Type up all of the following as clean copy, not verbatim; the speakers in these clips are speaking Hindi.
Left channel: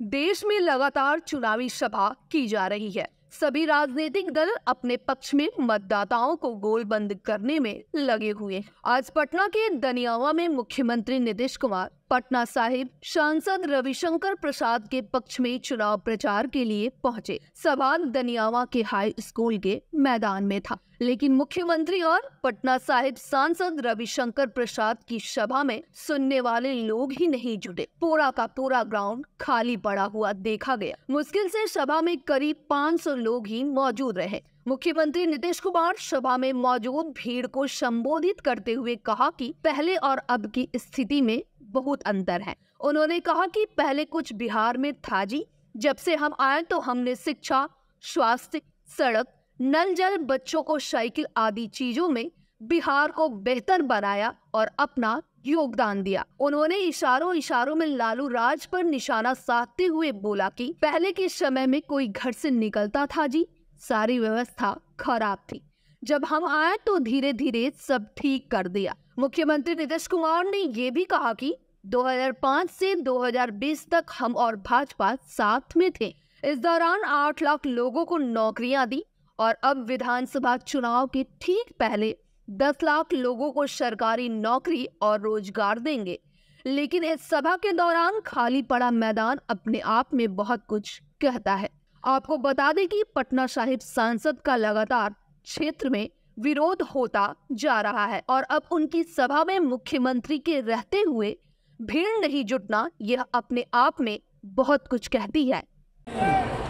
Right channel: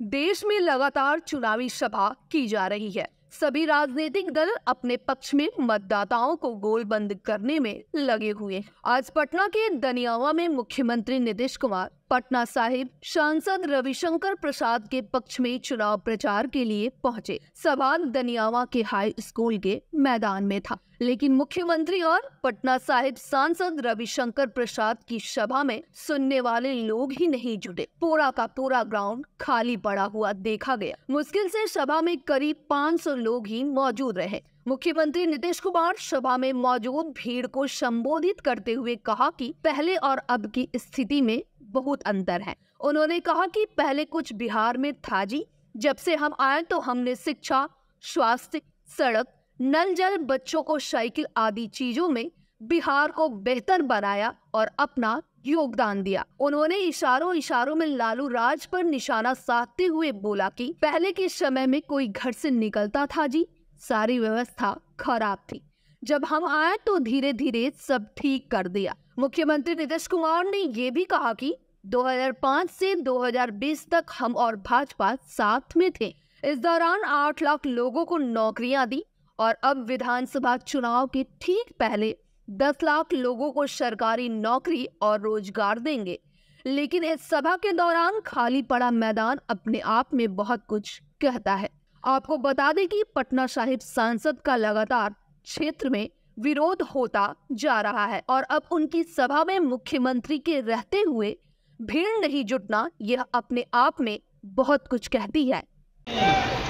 देश में लगातार चुनावी सभा की जा रही है। सभी राजनीतिक दल अपने पक्ष में मतदाताओं को गोलबंद करने में लगे हुए हैं। आज पटना के दनियावा में मुख्यमंत्री नीतीश कुमार पटना साहिब सांसद रविशंकर प्रसाद के पक्ष में चुनाव प्रचार के लिए पहुंचे। सभा दनियावा के हाई स्कूल के मैदान में था, लेकिन मुख्यमंत्री और पटना साहिब सांसद रविशंकर प्रसाद की सभा में सुनने वाले लोग ही नहीं जुटे। पूरा का पूरा ग्राउंड खाली पड़ा हुआ देखा गया। मुश्किल से सभा में करीब 500 लोग ही मौजूद रहे। मुख्यमंत्री नीतीश कुमार सभा में मौजूद भीड़ को संबोधित करते हुए कहा कि पहले और अब की स्थिति में बहुत अंतर है। उन्होंने कहा कि पहले कुछ बिहार में था जी, जब से हम आए तो हमने शिक्षा, स्वास्थ्य, सड़क, नल जल, बच्चों को साइकिल आदि चीजों में बिहार को बेहतर बनाया और अपना योगदान दिया। उन्होंने इशारों में लालू राज पर निशाना साधते हुए बोला कि पहले के समय में कोई घर से निकलता था जी, सारी व्यवस्था खराब थी। जब हम आए तो धीरे धीरे सब ठीक कर दिया। मुख्यमंत्री नीतीश कुमार ने ये भी कहा कि 2005 से 2020 तक हम और भाजपा साथ में थे। इस दौरान 8 लाख लोगों को नौकरियां दी और अब विधानसभा चुनाव के ठीक पहले 10 लाख लोगों को सरकारी नौकरी और रोजगार देंगे। लेकिन इस सभा के दौरान खाली पड़ा मैदान अपने आप में बहुत कुछ कहता है। आपको बता दें कि पटना साहिब सांसद का लगातार क्षेत्र में विरोध होता जा रहा है और अब उनकी सभा में मुख्यमंत्री के रहते हुए भीड़ नहीं जुटना, यह अपने आप में बहुत कुछ कहती है।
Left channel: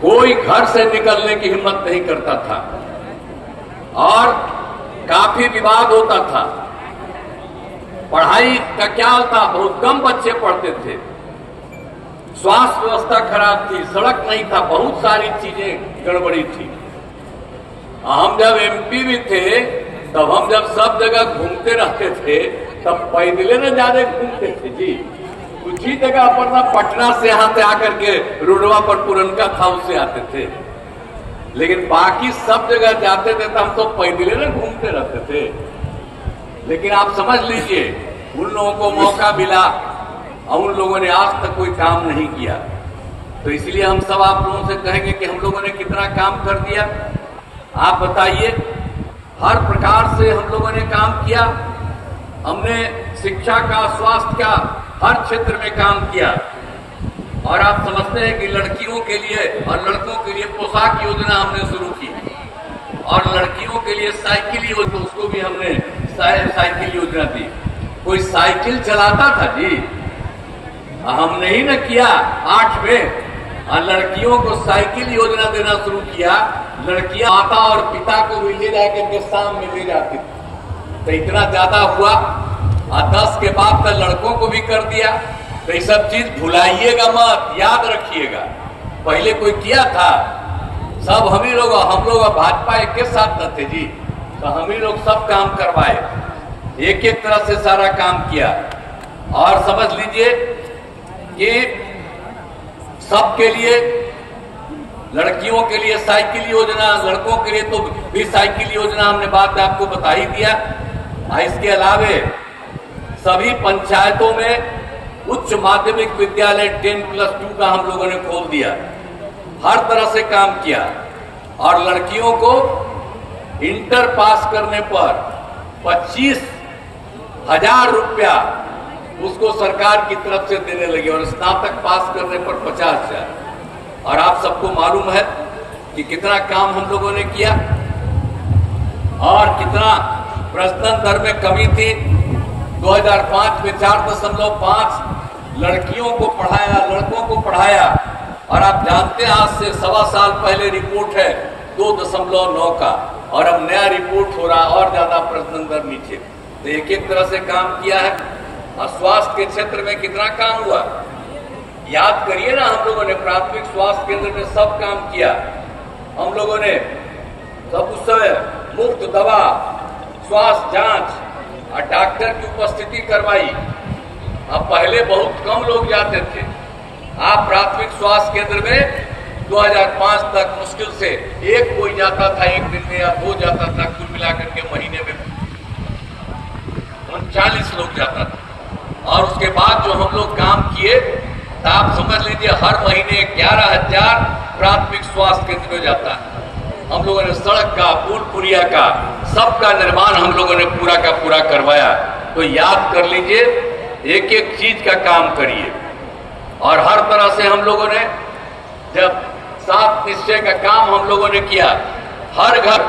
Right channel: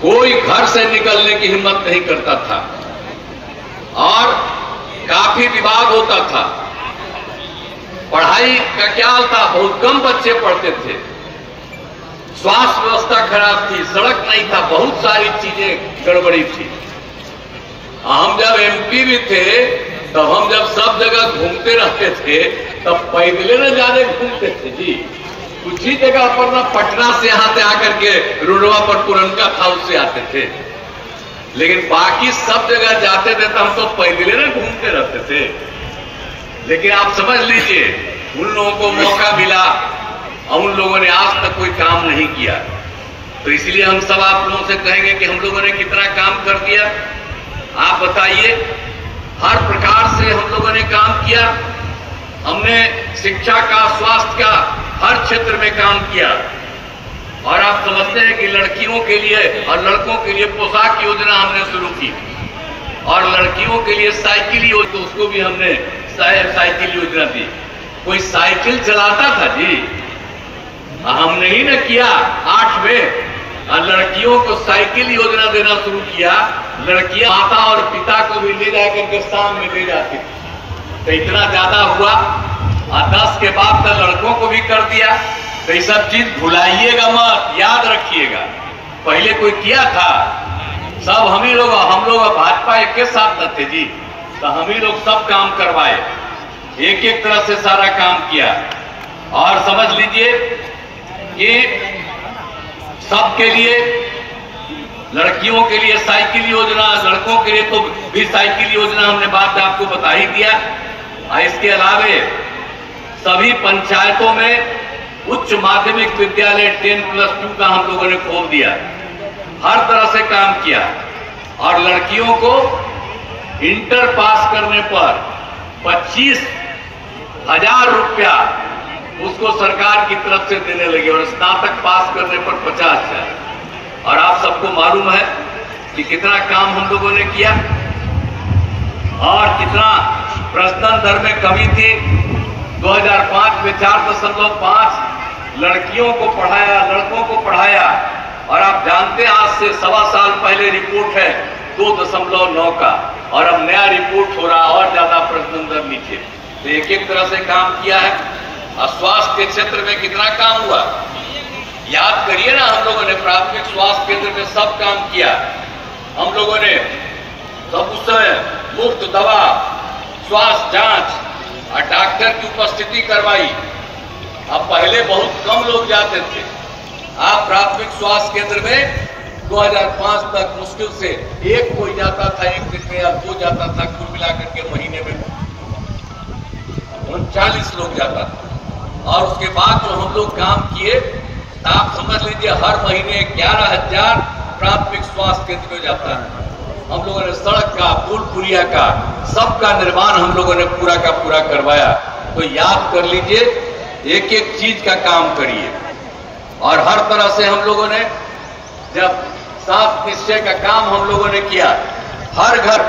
कोई घर से निकलने की हिम्मत नहीं करता था और काफी विवाद होता था। पढ़ाई का क्या हाल था, बहुत कम बच्चे पढ़ते थे, स्वास्थ्य व्यवस्था खराब थी, सड़क नहीं था, बहुत सारी चीजें गड़बड़ी थी। हम जब एमपी भी थे तब हम जब सब जगह घूमते रहते थे तब पैदले न ज्यादा घूमते थे जी। कुछ ही जगह पर ना पटना से यहाँ से आकर के रोडवा पर पुरनका था उससे आते थे, लेकिन बाकी सब जगह जाते थे तो हम तो पैदले न घूमते रहते थे। लेकिन आप समझ लीजिए, उन लोगों को मौका मिला और उन लोगों ने आज तक कोई काम नहीं किया। तो इसलिए हम सब आप लोगों से कहेंगे कि हम लोगों ने कितना काम कर दिया, आप बताइए। हर प्रकार से हम लोगों ने काम किया। हमने शिक्षा का, स्वास्थ्य का, हर क्षेत्र में काम किया। और आप समझते हैं कि लड़कियों के लिए और लड़कों के लिए पोशाक योजना हमने शुरू की और लड़कियों के लिए साइकिल योजना, तो उसको भी हमने साइकिल योजना दी। कोई साइकिल चलाता था जी, हमने ही न किया। 8 में लड़कियों को साइकिल योजना देना शुरू किया। लड़कियां माता और पिता को भी ले जाकर के शाम में ले जाती थी। तो इतना ज्यादा हुआ और 10 के बाद तो लड़कों को भी कर दिया। तो ये सब चीज भुलाइएगा मत, याद रखिएगा। पहले कोई किया था, सब हम लोग भाजपा एक के साथ न थे जी, तो हम ही लोग सब काम करवाए, एक एक तरह से सारा काम किया। और समझ लीजिए कि सबके लिए, लड़कियों के लिए साइकिल योजना, लड़कों के लिए तो भी साइकिल योजना हमने बात आपको बता ही दिया। इसके अलावे सभी पंचायतों में उच्च माध्यमिक विद्यालय 10+2 का हम लोगों ने खोल दिया। हर तरह से काम किया और लड़कियों को इंटर पास करने पर 25,000 रुपया उसको सरकार की तरफ से देने लगे और स्नातक पास करने पर 50,000। और आप सबको मालूम है कि कितना काम हम लोगों ने किया और कितना प्रजनन दर में कमी थी। 2005 में 4.5 लड़कियों को पढ़ाया, लड़कों को पढ़ाया। और आप जानते हैं आज से 1.25 साल पहले रिपोर्ट है 2.9 का, और अब नया रिपोर्ट हो रहा और ज्यादा प्रजनन दर नीचे। तो एक एक तरह से काम किया है। और स्वास्थ्य के क्षेत्र में कितना काम हुआ, याद करिए ना। हम लोगों ने प्राथमिक स्वास्थ्य केंद्र में सब काम किया। हम लोगों ने सब उस समय मुफ्त दवा, स्वास्थ्य जांच और डॉक्टर की उपस्थिति करवाई। अब पहले बहुत कम लोग जाते थे। आप प्राथमिक स्वास्थ्य केंद्र में 2005 तक मुश्किल से एक कोई जाता था, एक दिन में, या 2 जाता था। कुल मिलाकर के महीने में 39 लोग जाता था। और उसके बाद जो हम लोग काम किए तो आप समझ लीजिए हर महीने 11,000 प्राथमिक स्वास्थ्य केंद्र में जाता है। हम लोगों ने सड़क का, पुल पुलिया का, सबका निर्माण हम लोगों ने पूरा का पूरा करवाया। तो याद कर लीजिए, एक एक चीज का काम करिए। और हर तरह से हम लोगों ने जब 7 निश्चय का काम हम लोगों ने किया, हर घर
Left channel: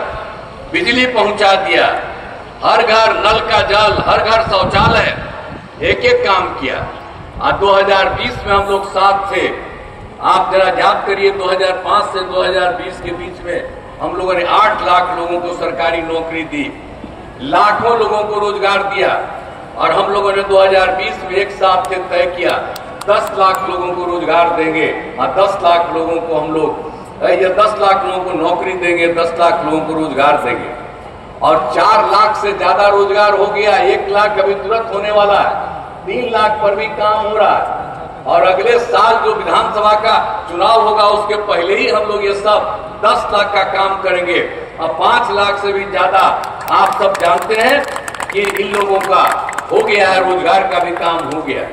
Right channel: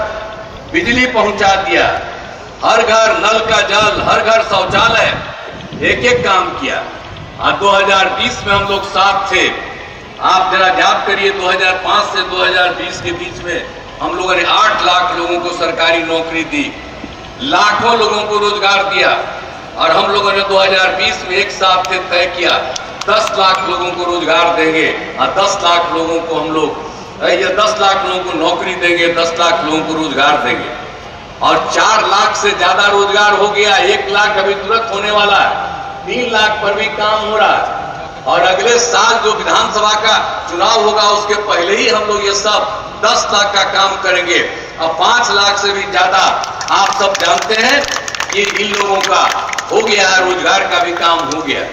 बिजली पहुंचा दिया, हर घर नल का जल, हर घर शौचालय, एक एक काम किया। 2020 में हम लोग साथ थे। आप जरा याद करिए, 2005 से 2020 के बीच में हम लोगों ने 8 लाख लोगों को सरकारी नौकरी दी, लाखों लोगों को रोजगार दिया। और हम लोगों ने 2020 में एक साथ तय किया 10 लाख लोगों को रोजगार देंगे और 10 लाख लोगों को हम लोग 10 लाख लोगों को नौकरी देंगे, 10 लाख लोगों को रोजगार देंगे। और 4 लाख से ज्यादा रोजगार हो गया। 1 लाख अभी तुरंत होने वाला है, 3 लाख पर भी काम हो रहा है। और अगले साल जो विधानसभा का चुनाव होगा उसके पहले ही हम लोग ये सब 10 लाख का काम करेंगे। अब 5 लाख से भी ज्यादा आप सब जानते हैं कि इन लोगों का हो गया है, रोजगार का भी काम हो गया।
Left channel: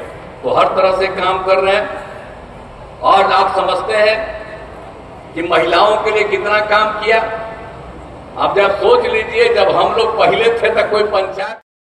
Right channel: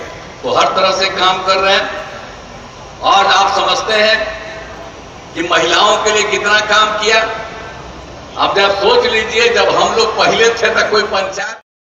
तो हर तरह से काम कर रहे हैं। और आप समझते हैं कि महिलाओं के लिए कितना काम किया। अब जब सोच लीजिए, जब हम लोग पहले थे तो कोई पंचायत